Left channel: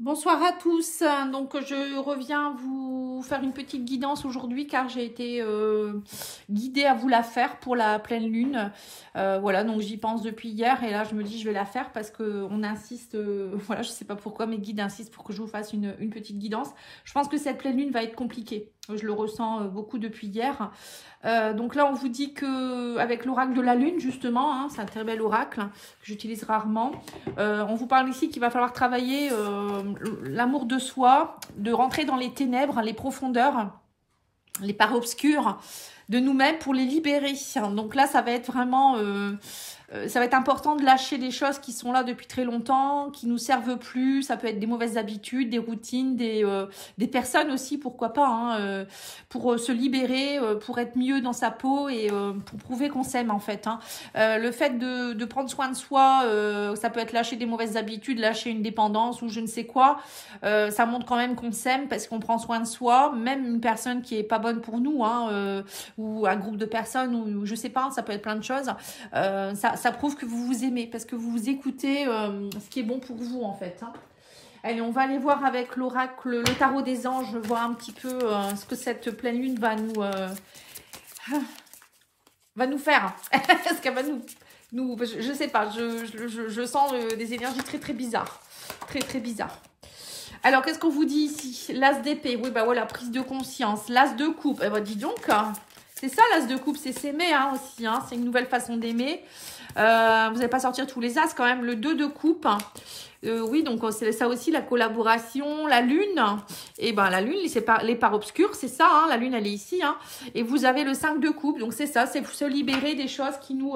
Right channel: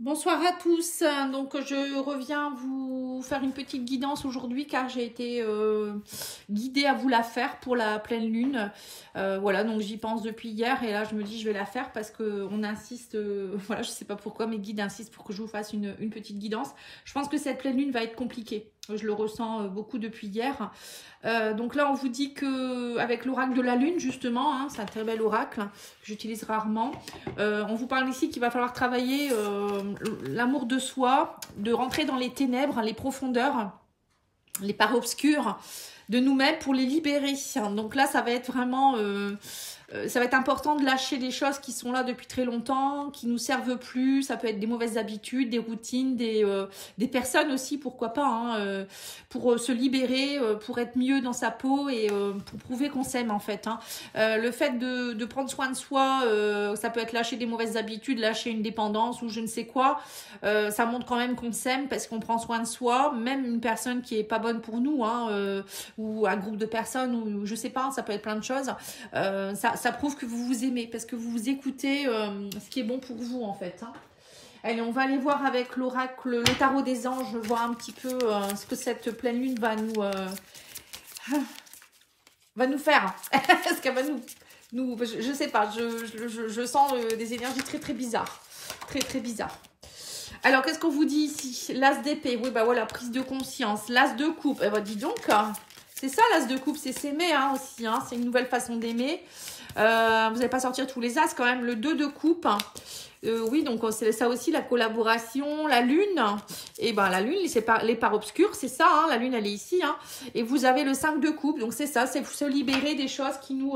Bonsoir à tous. Donc je reviens vous faire une petite guidance aujourd'hui car j'ai été guidée à vous la faire pour la pleine lune. Voilà, donc j'y pense depuis hier et là je me dis je vais la faire parce que on insiste, voilà, je sais pas pourquoi mes guides insistent pour que je vous fasse une petite guidance. Je pense que cette pleine lune va être compliquée. Je le ressens beaucoup depuis hier. Donc là on vous dit que avec l'oracle de la lune justement, hein, c'est un très bel oracle que j'utilise rarement. On vous parle ici qu'il va falloir travailler l'amour de soi, de rentrer dans les ténèbres, les profondeurs, les parts obscures de nous-mêmes pour les libérer. Donc là, ça va être vraiment... ça va être important de lâcher des choses qui sont là depuis très longtemps, qui nous servent plus. Ça peut être des mauvaises habitudes, des routines, des personnes aussi, pourquoi pas, hein, pour se libérer, pour être mieux dans sa peau et pour prouver qu'on s'aime en fait. Hein. Le fait de prendre soin de soi, ça peut être lâcher des mauvaises habitudes, lâcher une dépendance ou je ne sais quoi. Ça montre quand même qu'on s'aime parce qu'on prend soin de soi, même une personne qui est pas bonne pour nous, hein, ou un groupe de personnes, ou je sais pas, ça peut être plein de choses. Ça prouve que vous vous aimez parce que vous vous écoutez ce qui est bon pour vous en fait. Hein. Allez, on va aller voir avec l'oracle, le tarot des anges, voir un petit peu ce que cette pleine lune va nous faire. Est-ce qu'elle va je sais pas, je sens des énergies très très bizarres. Très très bizarres. Alors, qu'est-ce qu'on vous dit ici? L'as d'épée, oui, bah voilà, prise de conscience. L'as de coupe, eh ben, dis donc, c'est ça l'as de coupe, c'est s'aimer hein, aussi, hein, c'est une nouvelle façon d'aimer. Vous n'allez pas sortir tous les as quand même, le 2 de coupe. Oui, donc c'est ça aussi, la collaboration, la lune. Et ben la lune, c'est les parts obscures, c'est ça, hein, la lune elle est ici. Hein, et vous avez le 5 de coupe, donc c'est ça, c'est se libérer des choses qui nous...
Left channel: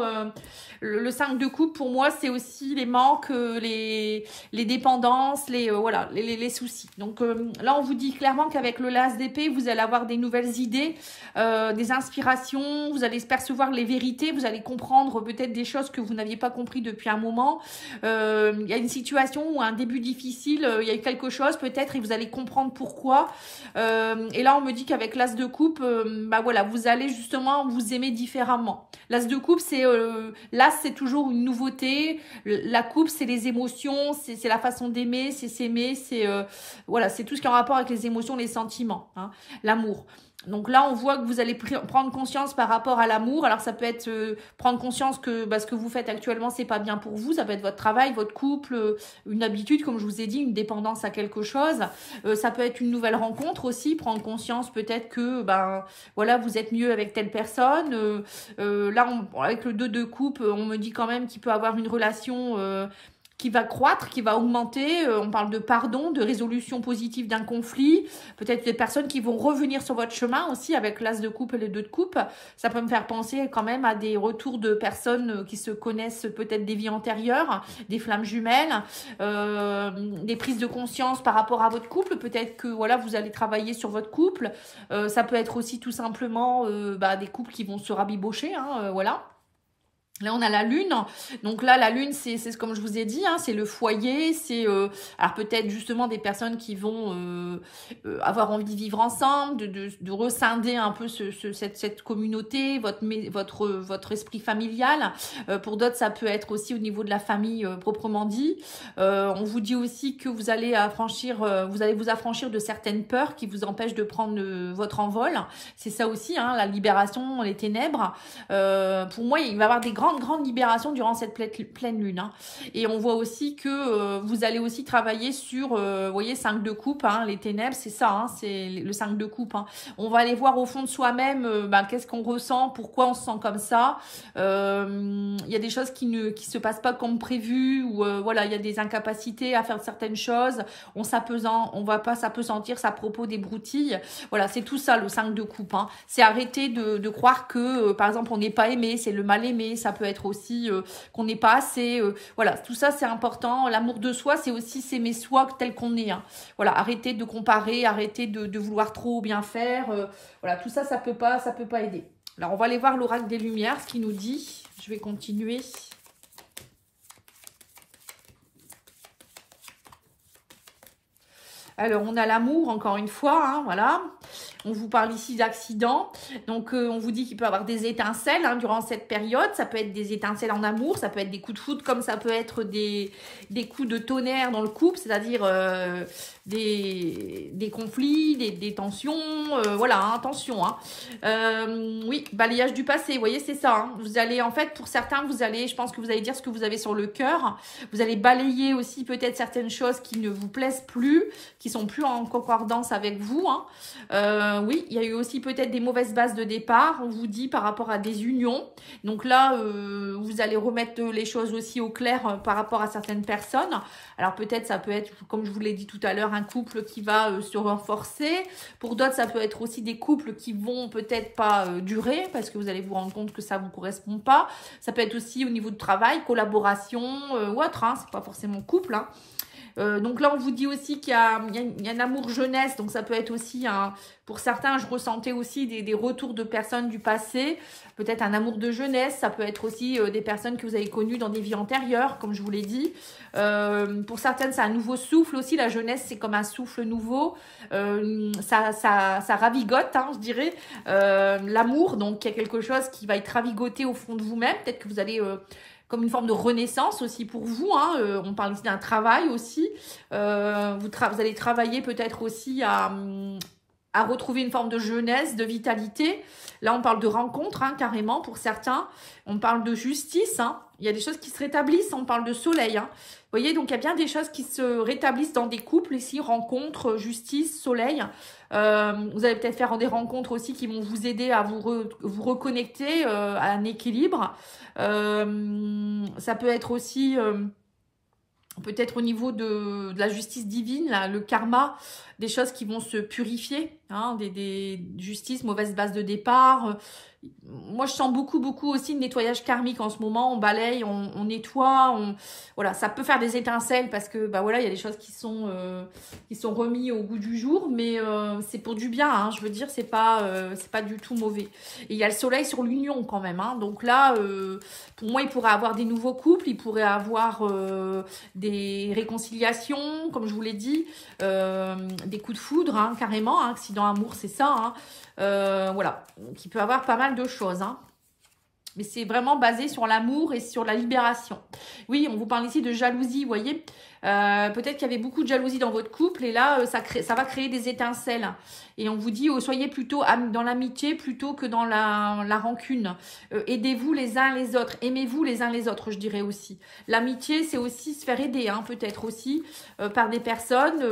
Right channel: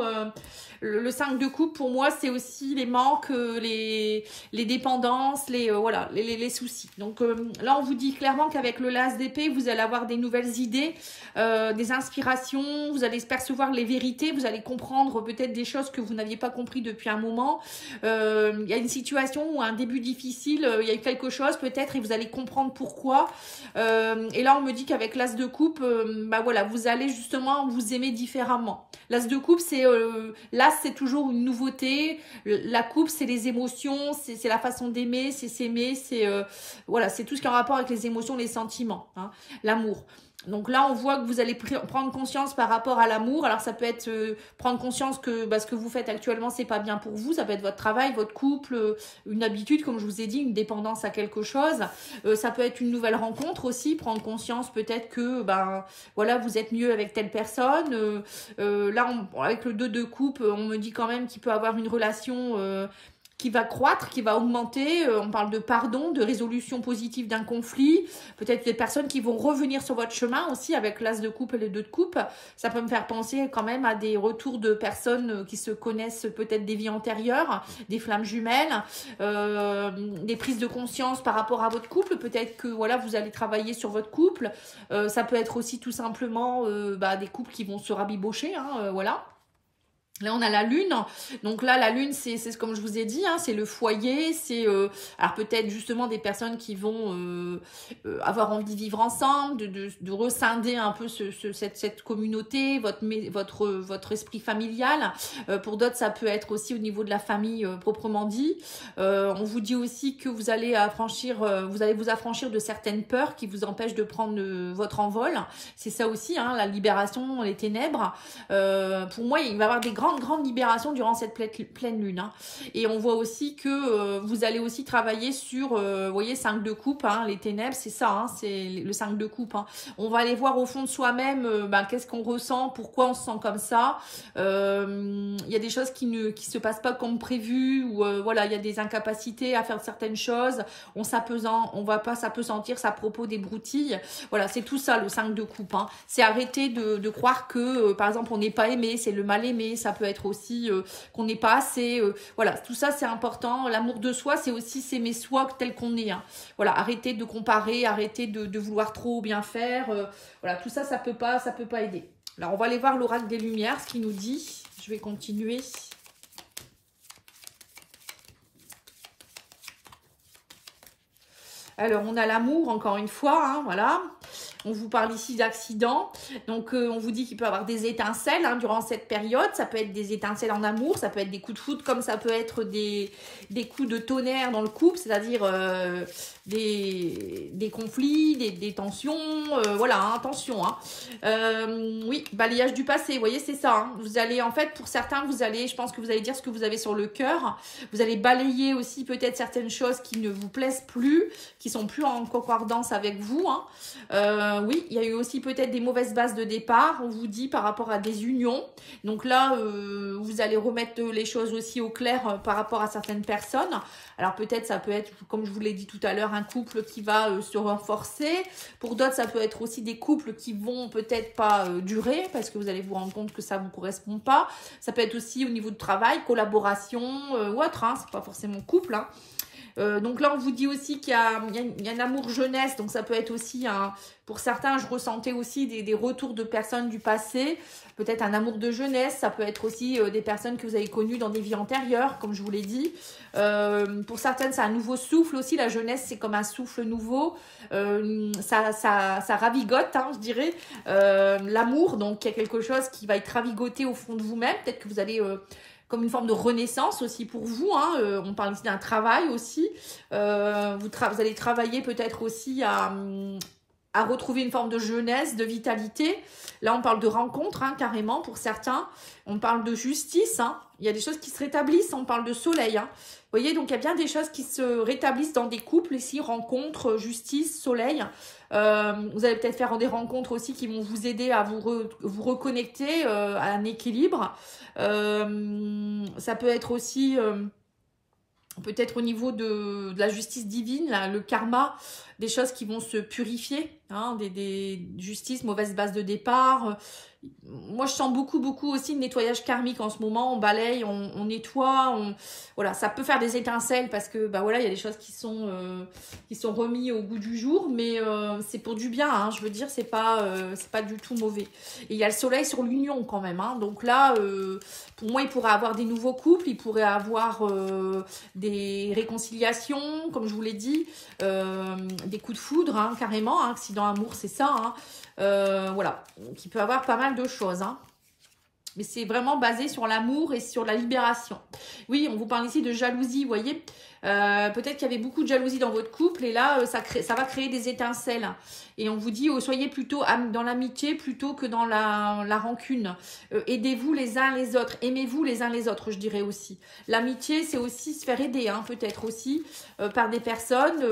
le 5 de coupe, pour moi, c'est aussi les manques, les dépendances, voilà, les soucis. Donc là, on vous dit clairement qu'avec le l'as d'épée, vous allez avoir des nouvelles idées, des inspirations, vous allez percevoir les vérités, vous allez comprendre peut-être des choses que vous n'aviez pas compris depuis un moment. Il y a une situation ou un début difficile, il y a quelque chose peut-être et vous allez comprendre pourquoi. Et là, on me dit qu'avec l'as de coupe, bah voilà, vous allez justement vous aimer différemment. L'as de coupe, c'est l'as, c'est toujours une nouveauté. La coupe, c'est les émotions, c'est la façon d'aimer, c'est s'aimer, c'est voilà, c'est tout ce qui est en rapport avec les émotions, les sentiments, hein, l'amour. Donc là, on voit que vous allez prendre conscience par rapport à l'amour. Alors, ça peut être prendre conscience que ce que vous faites actuellement, c'est pas bien pour vous. Ça peut être votre travail, votre couple, une habitude, comme je vous ai dit, une dépendance à quelque chose. Ça peut être une nouvelle rencontre aussi. Prendre conscience peut-être que voilà, vous êtes mieux avec telle personne. Là, avec le 2 de coupe, on me dit quand même qu'il peut avoir une relation... qui va croître, qui va augmenter. On parle de pardon, de résolution positive d'un conflit. Peut-être des personnes qui vont revenir sur votre chemin aussi avec l'as de coupe et le 2 de coupe. Ça peut me faire penser quand même à des retours de personnes qui se connaissent peut-être des vies antérieures, des flammes jumelles, des prises de conscience par rapport à votre couple. Peut-être que voilà, vous allez travailler sur votre couple. Ça peut être aussi tout simplement des couples qui vont se rabibocher, hein, voilà. Là, on a la lune. Donc là, la lune, c'est comme je vous ai dit, hein, c'est le foyer. C'est alors peut-être justement des personnes qui vont avoir envie de vivre ensemble, de rescinder un peu cette communauté, votre esprit familial. Pour d'autres, ça peut être aussi au niveau de la famille proprement dit. On vous dit aussi que vous allez vous affranchir de certaines peurs qui vous empêchent de prendre votre envol. C'est ça aussi, hein, la libération, les ténèbres. Pour moi, il va y avoir des grande libération durant cette pleine lune. Hein. Et on voit aussi que vous allez aussi travailler sur, vous voyez, 5 de coupe, hein, les ténèbres, c'est ça, hein, c'est le 5 de coupe. Hein. On va aller voir au fond de soi-même qu'est-ce qu'on ressent, pourquoi on se sent comme ça. Il y a des choses qui se passent pas comme prévu, ou voilà, il y a des incapacités à faire certaines choses. On va pas s'apesantir à propos des broutilles. Voilà, c'est tout ça le 5 de coupe. Hein. C'est arrêter de croire que, par exemple, on n'est pas aimé, c'est le mal aimé. Ça peut être aussi qu'on n'est pas assez. Voilà, tout ça c'est important. L'amour de soi, c'est aussi s'aimer soi tel qu'on est. Hein. Voilà, arrêtez de comparer, arrêtez de vouloir trop bien faire. Voilà, tout ça, ça peut pas aider. Alors, on va aller voir l'oracle des Lumières, ce qu'il nous dit. Je vais continuer. Alors, on a l'amour, encore une fois, hein, voilà. On vous parle ici d'accidents. Donc, on vous dit qu'il peut y avoir des étincelles hein, durant cette période. Ça peut être des étincelles en amour, ça peut être des coups de foudre, comme ça peut être des coups de tonnerre dans le couple, c'est-à-dire des conflits, des tensions. Voilà, hein, attention. Hein. Oui, balayage du passé, vous voyez, c'est ça. Hein. Vous allez, en fait, pour certains, vous allez, je pense que vous allez dire ce que vous avez sur le cœur. Vous allez balayer aussi peut-être certaines choses qui ne vous plaisent plus, qui sont plus en concordance avec vous. Hein. Oui, il y a eu aussi peut-être des mauvaises bases de départ, on vous dit par rapport à des unions. Donc là, vous allez remettre les choses aussi au clair par rapport à certaines personnes. Alors peut-être ça peut être, comme je vous l'ai dit tout à l'heure, un couple qui va se renforcer. Pour d'autres, ça peut être aussi des couples qui vont peut-être pas durer parce que vous allez vous rendre compte que ça ne vous correspond pas. Ça peut être aussi au niveau du travail, collaboration ou autre, hein, c'est pas forcément couple. Hein. Donc là, on vous dit aussi qu'il y a un amour jeunesse, donc ça peut être aussi, pour certains, je ressentais aussi des retours de personnes du passé, peut-être un amour de jeunesse, ça peut être aussi des personnes que vous avez connues dans des vies antérieures, comme je vous l'ai dit. Pour certaines, c'est un nouveau souffle aussi, la jeunesse, c'est comme un souffle nouveau, ça ravigote, hein, je dirais, l'amour, donc il y a quelque chose qui va être ravigoté au fond de vous-même, peut-être que vous allez... comme une forme de renaissance aussi pour vous. Hein. On parle ici d'un travail aussi. Vous allez travailler peut-être aussi à retrouver une forme de jeunesse, de vitalité. Là, on parle de rencontre, hein, carrément, pour certains. On parle de justice. Hein. Il y a des choses qui se rétablissent. On parle de soleil. Hein. Vous voyez, donc il y a bien des choses qui se rétablissent dans des couples ici. Rencontre, justice, soleil. Vous allez peut-être faire des rencontres aussi qui vont vous aider à vous reconnecter à un équilibre. Ça peut être aussi peut-être au niveau de la justice divine, là, le karma, des choses qui vont se purifier, hein, des justices, mauvaise base de départ. Moi, je sens beaucoup aussi de nettoyage karmique en ce moment. On balaye, on nettoie, voilà, ça peut faire des étincelles parce que, bah voilà, il y a des choses qui sont remises au goût du jour, mais c'est pour du bien, hein, je veux dire, c'est pas du tout mauvais. Et il y a le soleil sur l'union quand même, hein, donc là, pour moi, il pourrait avoir des nouveaux couples, il pourrait avoir des réconciliations, comme je vous l'ai dit, des coups de foudre, hein, carrément, hein, accident amour, c'est ça, hein. Voilà, donc il peut avoir pas mal de choses, hein. Mais c'est vraiment basé sur l'amour et sur la libération. Oui, on vous parle ici de jalousie, vous voyez. Peut-être qu'il y avait beaucoup de jalousie dans votre couple et là, ça va créer des étincelles. Et on vous dit, soyez plutôt dans l'amitié plutôt que dans la rancune. Aidez-vous les uns les autres. Aimez-vous les uns les autres, je dirais aussi. L'amitié, c'est aussi se faire aider, hein, peut-être aussi par des personnes.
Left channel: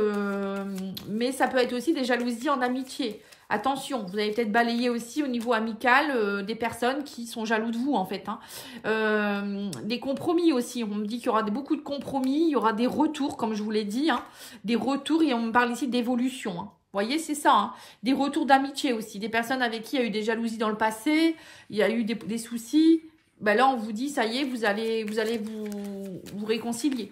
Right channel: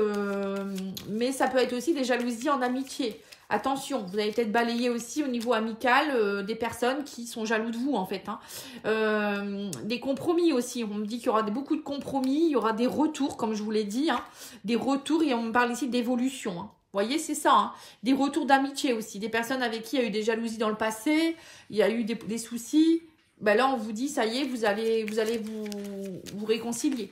Mais ça peut être aussi des jalousies en amitié. Attention, vous allez peut-être balayer aussi au niveau amical des personnes qui sont jaloux de vous en fait. Hein. Des compromis aussi, on me dit qu'il y aura beaucoup de compromis, il y aura des retours comme je vous l'ai dit. Hein. Des retours et on me parle ici d'évolution. Hein. Vous voyez, c'est ça. Hein. Des retours d'amitié aussi, des personnes avec qui il y a eu des jalousies dans le passé, il y a eu des soucis. Ben là, on vous dit, ça y est, vous allez vous réconcilier.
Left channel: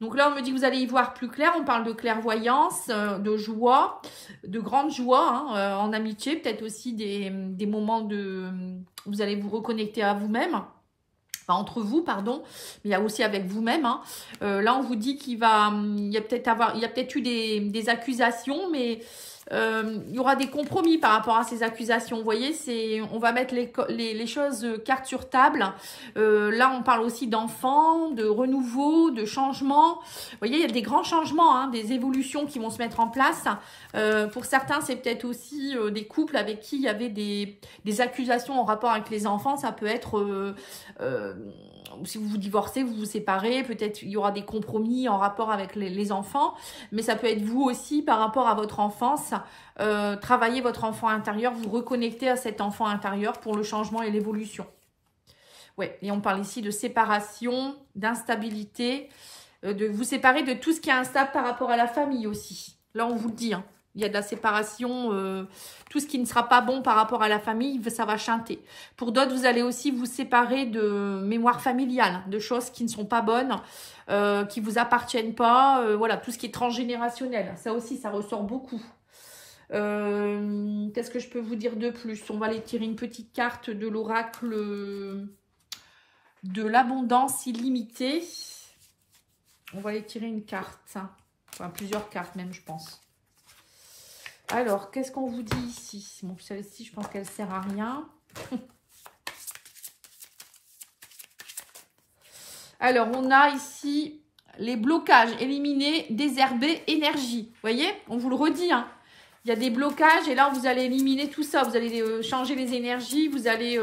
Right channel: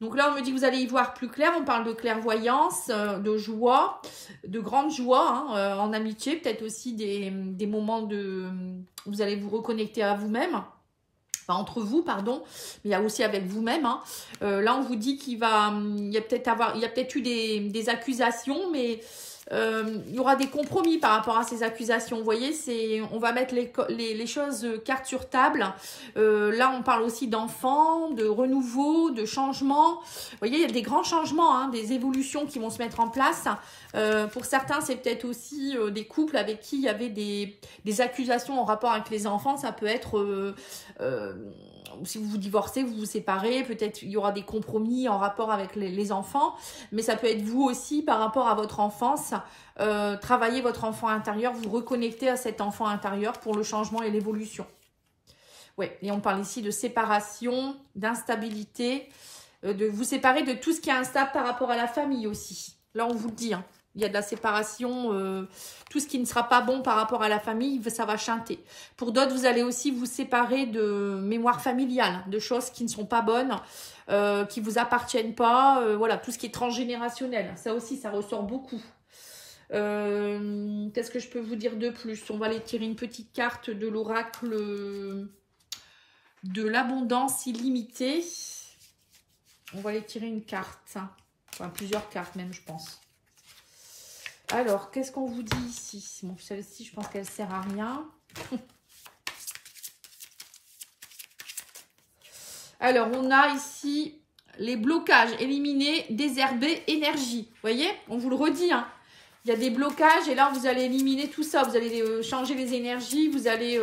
Donc là, on me dit que vous allez y voir plus clair. On parle de clairvoyance, de joie, de grande joie hein, en amitié. Peut-être aussi des moments de... Vous allez vous reconnecter à vous-même. Enfin, entre vous, pardon. Mais il y a aussi avec vous-même. Hein. Là, on vous dit qu'il y a peut-être eu des accusations, mais... il y aura des compromis par rapport à ces accusations. Vous voyez, on va mettre les choses carte sur table. Là, on parle aussi d'enfants, de renouveau, de changement. Vous voyez, il y a des grands changements, hein, des évolutions qui vont se mettre en place. Pour certains, c'est peut-être aussi des couples avec qui il y avait des accusations en rapport avec les enfants. Ça peut être... si vous vous divorcez, vous vous séparez, peut-être il y aura des compromis en rapport avec les enfants, mais ça peut être vous aussi par rapport à votre enfance, travailler votre enfant intérieur, vous reconnecter à cet enfant intérieur pour le changement et l'évolution. Ouais, et on parle ici de séparation, d'instabilité, de vous séparer de tout ce qui est instable par rapport à la famille aussi. Là, on vous le dit, hein. Il y a de la séparation, tout ce qui ne sera pas bon par rapport à la famille, ça va chanter. Pour d'autres, vous allez aussi vous séparer de mémoire familiale, de choses qui ne sont pas bonnes, qui ne vous appartiennent pas. Voilà, tout ce qui est transgénérationnel, ça aussi, ça ressort beaucoup. Qu'est-ce que je peux vous dire de plus? On va aller tirer une petite carte de l'oracle de l'abondance illimitée. On va aller tirer une carte, enfin, plusieurs cartes même, je pense. Alors, qu'est-ce qu'on vous dit ici? Bon, celle-ci, je pense qu'elle ne sert à rien. Alors, on a ici les blocages, éliminer, désherber, énergie. Vous voyez? On vous le redit, hein. Il y a des blocages et là, vous allez éliminer tout ça. Vous allez changer les énergies, vous allez...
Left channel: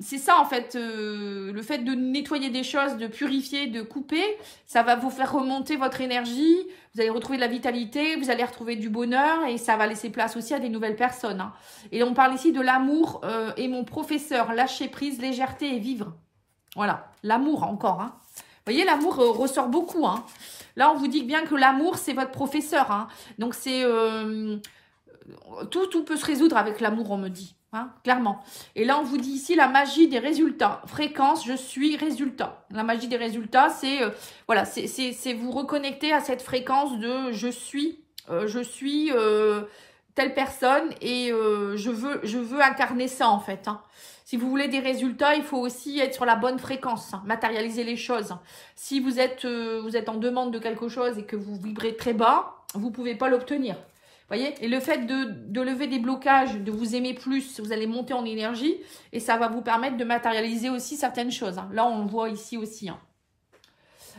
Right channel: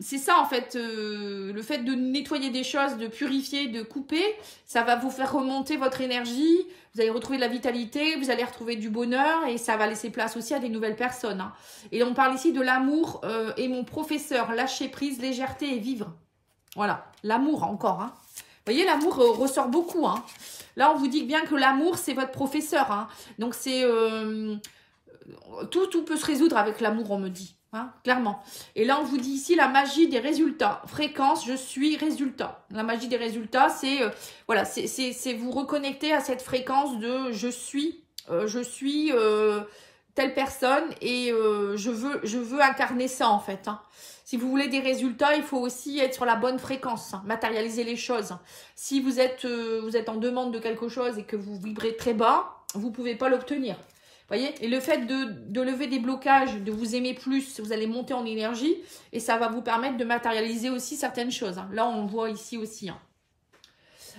C'est ça, en fait, le fait de nettoyer des choses, de purifier, de couper, ça va vous faire remonter votre énergie. Vous allez retrouver de la vitalité, vous allez retrouver du bonheur et ça va laisser place aussi à des nouvelles personnes, hein. Et on parle ici de l'amour et mon professeur, lâcher prise, légèreté et vivre. Voilà, l'amour encore, hein. Vous voyez, l'amour ressort beaucoup, hein. Là, on vous dit bien que l'amour, c'est votre professeur, hein. Donc, c'est... tout peut se résoudre avec l'amour, on me dit, hein, clairement. Et là, on vous dit ici la magie des résultats. Fréquence, je suis, résultat. La magie des résultats, c'est voilà, c'est vous reconnecter à cette fréquence de je suis telle personne et je veux incarner ça, en fait, hein. Si vous voulez des résultats, il faut aussi être sur la bonne fréquence, hein, matérialiser les choses. Si vous êtes en demande de quelque chose et que vous vibrez très bas, vous ne pouvez pas l'obtenir. Voyez, et le fait de lever des blocages, de vous aimer plus, vous allez monter en énergie et ça va vous permettre de matérialiser aussi certaines choses, hein. Là, on le voit ici aussi, hein.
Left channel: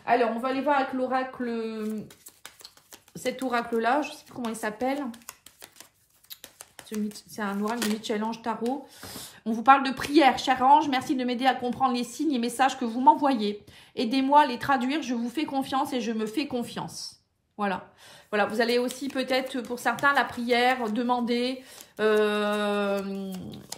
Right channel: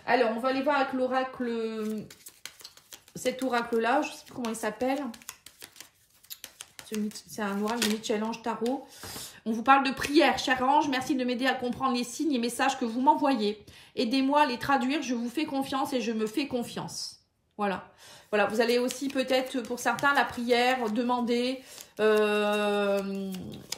Alors, on va aller voir avec l'oracle, cet oracle-là, je ne sais plus comment il s'appelle. C'est un oracle de Michel-Ange Tarot. On vous parle de prière. Cher ange, merci de m'aider à comprendre les signes et messages que vous m'envoyez. Aidez-moi à les traduire. Je vous fais confiance et je me fais confiance. Voilà. Voilà, vous allez aussi peut-être, pour certains, la prière, demander,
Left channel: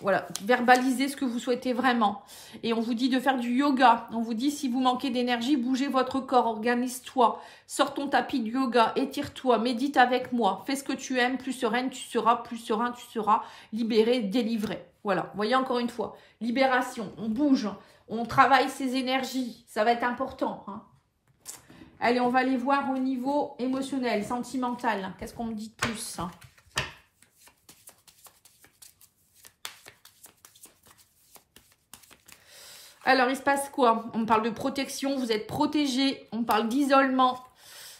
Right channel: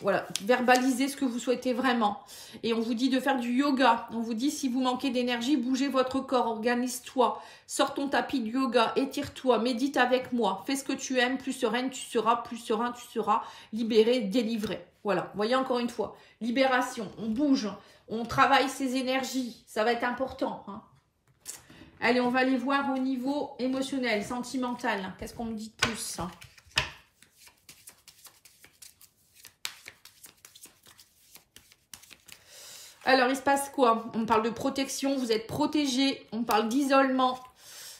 voilà, verbaliser ce que vous souhaitez vraiment. Et on vous dit de faire du yoga. On vous dit, si vous manquez d'énergie, bougez votre corps, organise-toi. Sors ton tapis de yoga, étire-toi, médite avec moi. Fais ce que tu aimes, plus sereine tu seras, plus serein tu seras, libéré, délivré. Voilà, vous voyez encore une fois, libération, on bouge, on travaille ses énergies, ça va être important, hein. Allez, on va aller voir au niveau émotionnel, sentimental. Qu'est-ce qu'on me dit de plus? Alors, il se passe quoi? On parle de protection, vous êtes protégé. On parle d'isolement.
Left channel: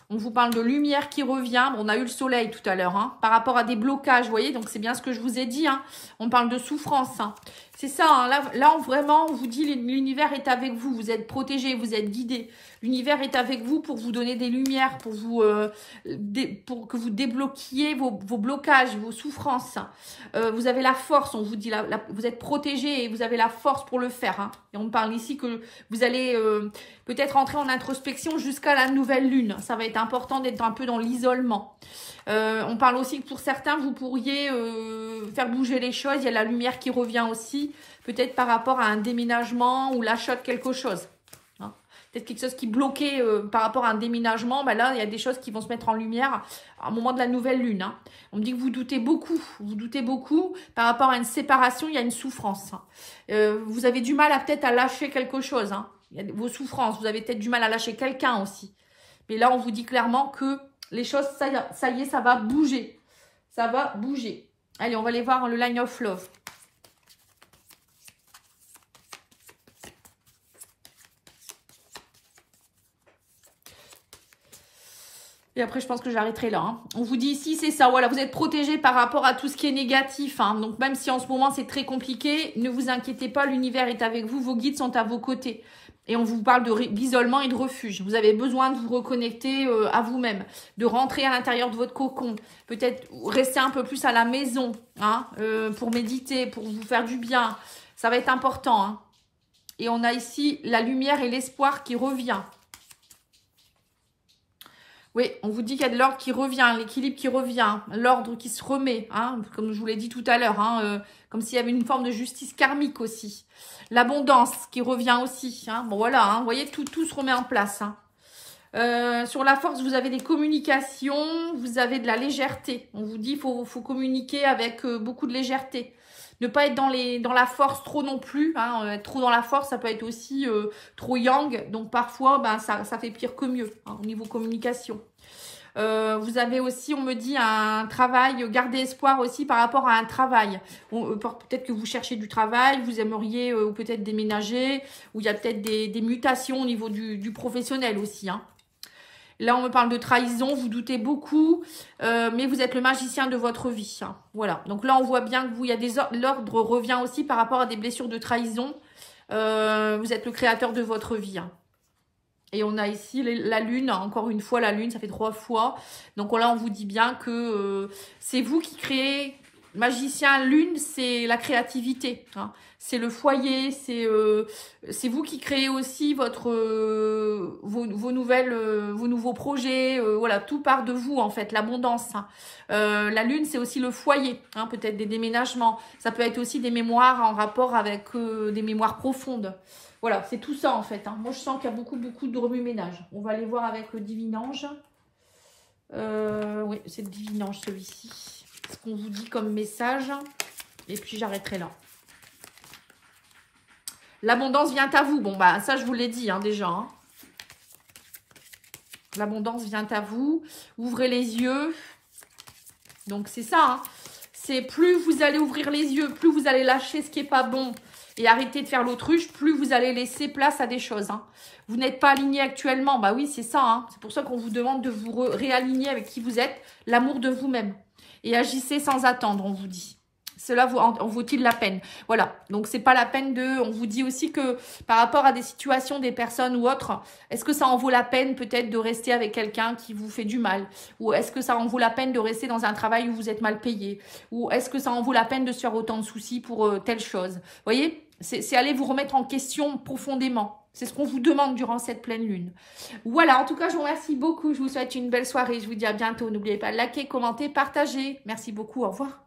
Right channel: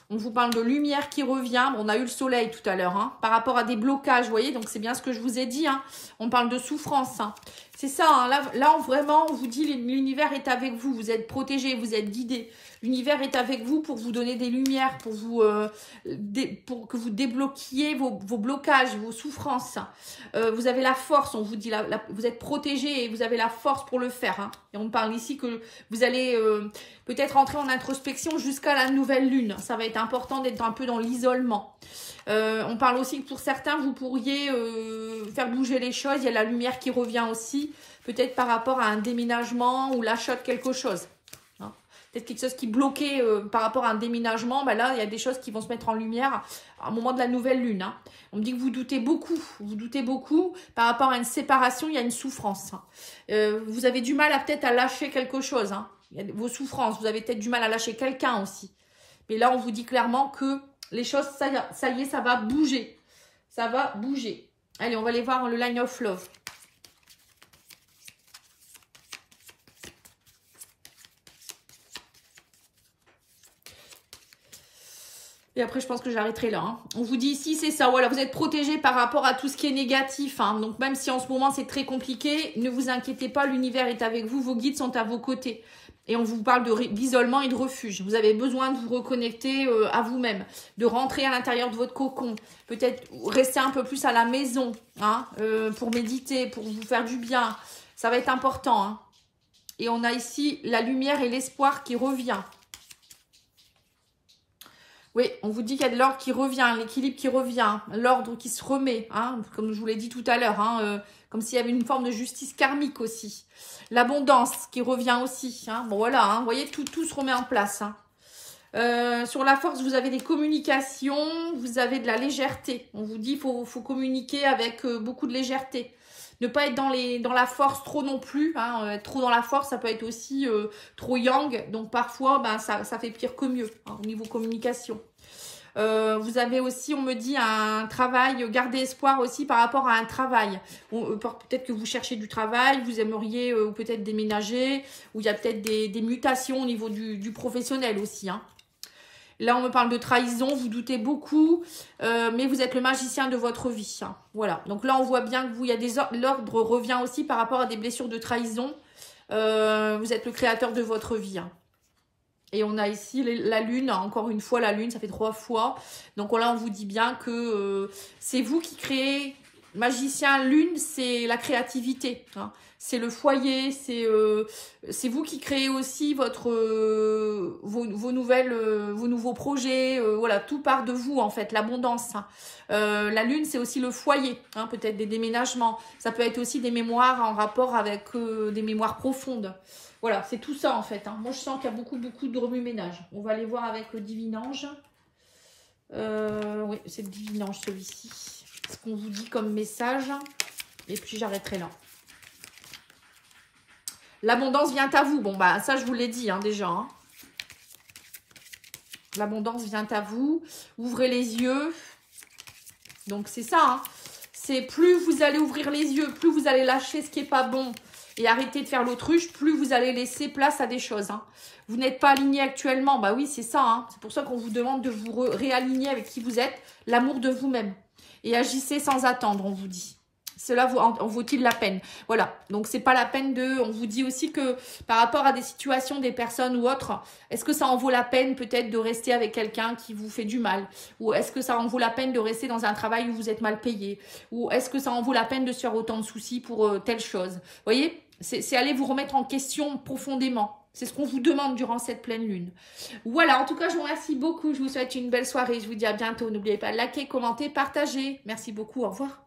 On vous parle de lumière qui revient. On a eu le soleil tout à l'heure, hein, par rapport à des blocages, vous voyez. Donc, c'est bien ce que je vous ai dit, hein. On parle de souffrance, hein. C'est ça, hein. Là, vraiment, on vous dit l'univers est avec vous. Vous êtes protégé, vous êtes guidé. L'univers est avec vous pour vous donner des lumières, pour que vous débloquiez vos blocages, vos souffrances. Vous avez la force, on vous dit, vous êtes protégé et vous avez la force pour le faire, hein. Et on parle ici que vous allez peut-être entrer en introspection jusqu'à la nouvelle lune. Ça va être important d'être un peu dans l'isolement. On parle aussi que pour certains, vous pourriez faire bouger les choses. Il y a la lumière qui revient aussi, peut-être par rapport à un déménagement ou l'achat de quelque chose. Peut-être quelque chose qui bloquait par rapport à un déménagement. Ben là, il y a des choses qui vont se mettre en lumière au moment de la nouvelle lune, hein. On me dit que vous doutez beaucoup. Vous doutez beaucoup par rapport à une séparation, il y a une souffrance, hein. Vous avez du mal peut-être à lâcher quelque chose, hein. Il y a vos souffrances. Vous avez peut-être du mal à lâcher quelqu'un aussi. Mais là, on vous dit clairement que les choses, ça y est, ça va bouger. Ça va bouger. Allez, on va aller voir le Line of Love. Et après, je pense que j'arrêterai là, hein. On vous dit ici, c'est ça. Voilà, vous êtes protégé par rapport à tout ce qui est négatif, hein. Donc, même si en ce moment, c'est très compliqué, ne vous inquiétez pas, l'univers est avec vous. Vos guides sont à vos côtés. Et on vous parle d'isolement et de refuge. Vous avez besoin de vous reconnecter à vous-même, de rentrer à l'intérieur de votre cocon. Peut-être rester un peu plus à la maison, hein, pour méditer, pour vous faire du bien. Ça va être important, hein. Et on a ici la lumière et l'espoir qui revient. Oui, on vous dit qu'il y a de l'ordre qui revient, l'équilibre qui revient, l'ordre qui se remet, hein, comme je vous l'ai dit tout à l'heure, hein, comme s'il y avait une forme de justice karmique aussi. L'abondance qui revient aussi, hein. Bon voilà, hein, vous voyez, tout se remet en place, hein. Sur la force, vous avez des communications, vous avez de la légèreté. On vous dit qu'il faut communiquer avec beaucoup de légèreté. Ne pas être dans la force trop non plus, hein. Être trop dans la force, ça peut être aussi trop yang. Donc parfois, ben, ça fait pire que mieux, hein, au niveau communication. Vous avez aussi, on me dit, un travail, gardez espoir aussi par rapport à un travail. Peut-être que vous cherchez du travail, vous aimeriez peut-être déménager, ou il y a peut-être des mutations au niveau du professionnel aussi, hein. Là, on me parle de trahison, vous doutez beaucoup, mais vous êtes le magicien de votre vie. Hein. Voilà, donc là, on voit bien que vous, il y a des l'ordre revient aussi par rapport à des blessures de trahison. Vous êtes le créateur de votre vie. Hein. Et on a ici la lune, encore une fois la lune, ça fait 3 fois. Donc là, on vous dit bien que c'est vous qui créez. Magicien, lune, c'est la créativité. Hein. C'est le foyer, c'est vous qui créez aussi vos nouveaux projets. Voilà, tout part de vous en fait, l'abondance. Hein. La lune, c'est aussi le foyer, hein, peut-être des déménagements. Ça peut être aussi des mémoires en rapport avec des mémoires profondes. Voilà, c'est tout ça en fait. Hein. Moi, je sens qu'il y a beaucoup de remue-ménage. On va aller voir avec le divin ange. Oui, c'est le divin ange celui-ci. Ce qu'on vous dit comme message. Et puis, j'arrêterai là. L'abondance vient à vous. Bon, bah, ça, je vous l'ai dit hein, déjà. Hein. L'abondance vient à vous. Ouvrez les yeux. Donc, c'est ça. Hein. C'est plus vous allez ouvrir les yeux, plus vous allez lâcher ce qui n'est pas bon et arrêter de faire l'autruche, plus vous allez laisser place à des choses. Hein. Vous n'êtes pas aligné actuellement. Bah oui, c'est ça. Hein. C'est pour ça qu'on vous demande de vous réaligner avec qui vous êtes. L'amour de vous-même. Et agissez sans attendre, on vous dit. Cela en vaut-il la peine? Voilà, donc c'est pas la peine de... On vous dit aussi que par rapport à des situations, des personnes ou autres, est-ce que ça en vaut la peine peut-être de rester avec quelqu'un qui vous fait du mal? Ou est-ce que ça en vaut la peine de rester dans un travail où vous êtes mal payé? Ou est-ce que ça en vaut la peine de se faire autant de soucis pour telle chose? Vous voyez, c'est aller vous remettre en question profondément. C'est ce qu'on vous demande durant cette pleine lune. Voilà, en tout cas, je vous remercie beaucoup. Je vous souhaite une belle soirée. Je vous dis à bientôt. N'oubliez pas de liker, commenter, partager. Merci beaucoup. Au revoir.